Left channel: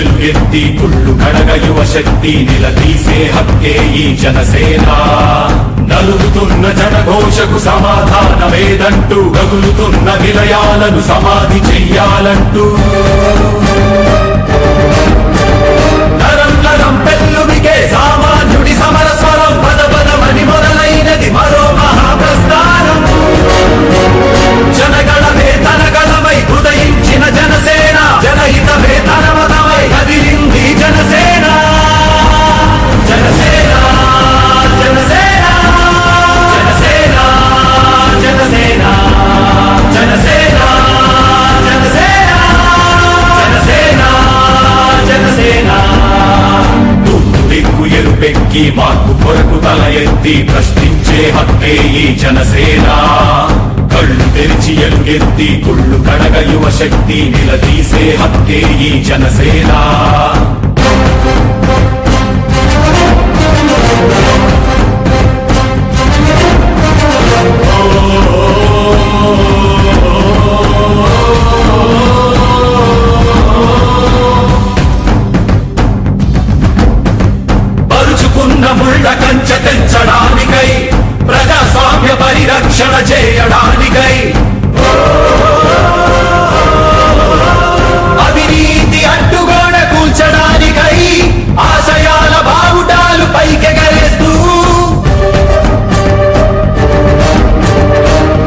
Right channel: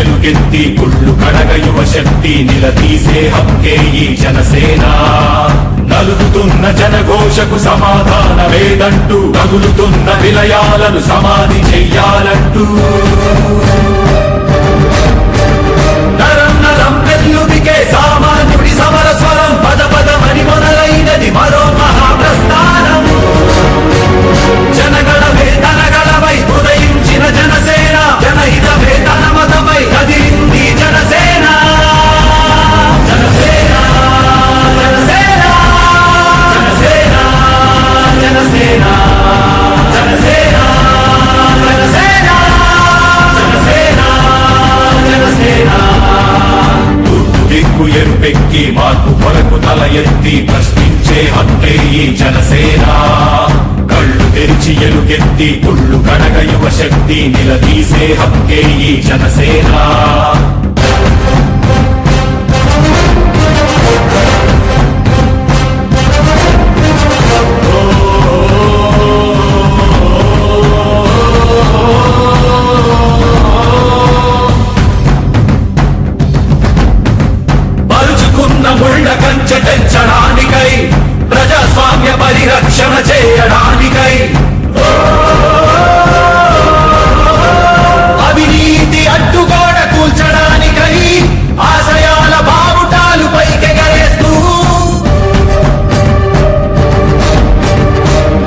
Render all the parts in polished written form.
ఎలుగెత్తి కుళ్ళు కడగ యువ శక్తి నిలదీసే హక్కే ఈ జనసేన. నలుగుతున్న జనఘోషకు సమాధానమేదంటూ తగులుతున్న విలయాలను సమాధి చెయ్యాలంటూ నరం నరం పెళ్ళుమికే సామాన్యుడి సమర స్వరం పద పదమని మొదలైనది మరో మహాప్రస్థానం. జనగణమే తనగణమై ఉదయించిన జనసేన, జనహితమే తన మతమై కదిలింది జనసేన. జనసేన జనసేన జనసేన జనసేన జనసేన జనసేన జనసేన జనసేన. తూర్పు దిక్కు ఎరుపెక్కి మార్పు కొరకు తల ఎత్తి ప్రశ్నించే హక్కే ఈ జనసేన. కళ్ళు తెరిచి ఎలుగెత్తి కుళ్ళు కడగ యువ శక్తి నిలదీసే హక్కే ఈ జనసేన. పరుచుకున్న ముళ్ళ కంచె తెంచడానికై, ప్రజాస్వామ్య పరిరక్షణ చేయడానికై, అవినీతి అడ్డుగోడ కూల్చడానికై ఆశయాల బావుటాలు పైకెగరేస్తూ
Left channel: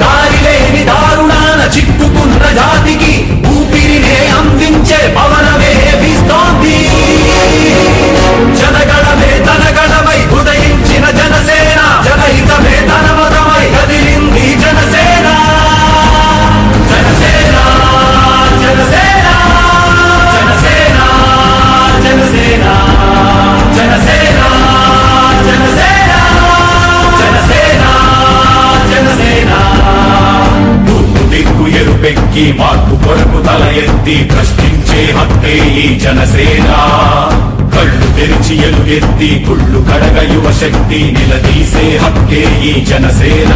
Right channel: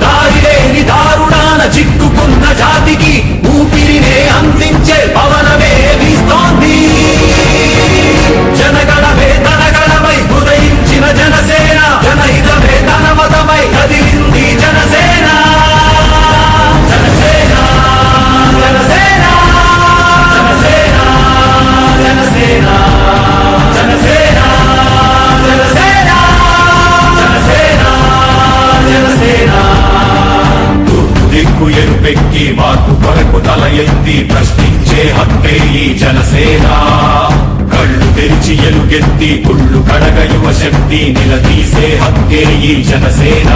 దారిలేని దారుణాల చిక్కుకున్న జాతికి ఊపిరినే అందించే పవనమే వీస్తోంది. జనగణమే తనగణమై ఉదయించిన జనసేన, జనహితమే తన మతమై కదిలింది జనసేన. జనసేన జనసేన జనసేన జనసేన జనసేన జనసేన జనసేన జనసేన. తూర్పు దిక్కు ఎరుపెక్కి మార్పు కొరకు తల ఎత్తి ప్రశ్నించే హక్కే ఈ జనసేన. కళ్ళు తెరిచి ఎలుగెత్తి కుళ్ళు కడగ యువ శక్తి నిలదీసే హక్కే ఈ జనసేన.